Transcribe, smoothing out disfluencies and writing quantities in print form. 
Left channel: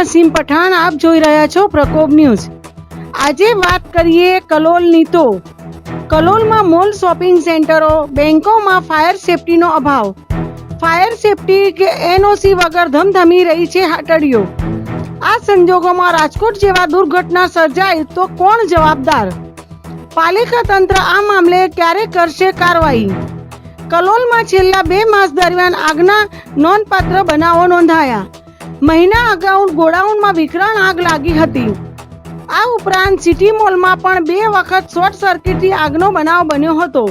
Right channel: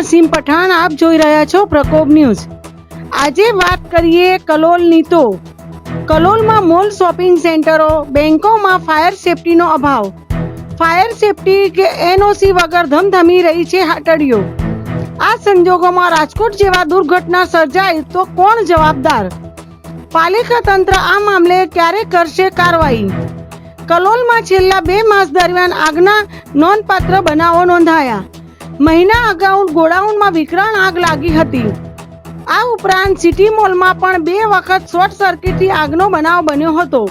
નસીમ પઠાણ, આપ જોઈ રહ્યા છો પ્રકોપ ન્યૂઝ। આજે વાત કરીએ કલોલની તો કલોલમાં મોલ, શોપિંગ સેન્ટરો, બેંકોમાં ફાયર સેફટીનો અભાવ। ફાયર સેફટી કે એનઓસી વગર ધમધમી રહી છે હાટડીઓ। આ સંજોગોમાં રાજકોટ જેવા દુર્ઘટના સર્જાય તો કોણ જવાબદાર? પાલિકા તંત્ર આ મામલે ક્યારે કરશે કાર્યવાહી? કલોલમાં છેલ્લા 2 માસ દરમિયાન આગના નોંધપાત્ર બનાવો નોંધાયા। મહિના અગાઉ ગોડાઉનમાં વિકરાળ આગ લાગી હતી। આ ઉપરાંત સિટી મોલમાં પણ 2 વખત શોર્ટ સર્કિટથી આગનો બનાવ બન્યો હતો।